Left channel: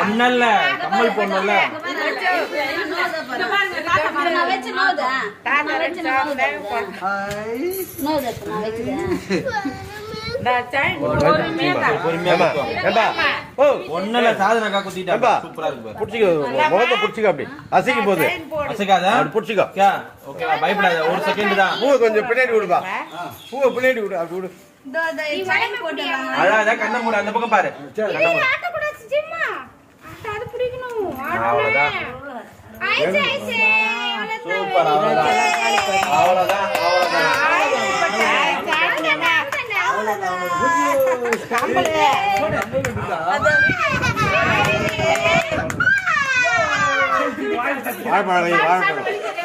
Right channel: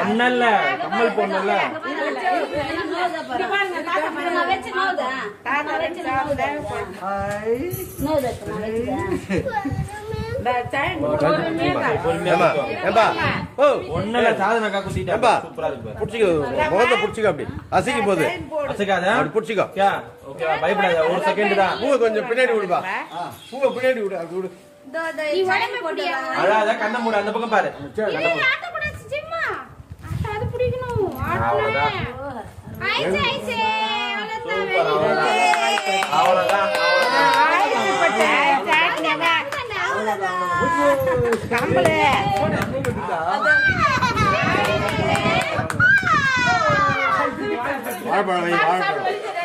ஒன்னல்ல கம்மல் பொண்ணுல்ல முகத்தை புடிச்சுக்க அப்படி அசைக்கும் போது அசைக்காத புடிச்சுக்கோ பயப்படாத ஒரு செகண்ட் தான் பூவை கொஞ்சம் பின்னாடி விடுப்பா பூவை பின்னாடி விடு அப்படி விடு அதான் கண்ண மூட அந்த பக்கம் பாரு அவ்வளவுதான் சூப்பர் அவ்வளவுதான் வாழைப்பழம் சாப்பிட்றேன்.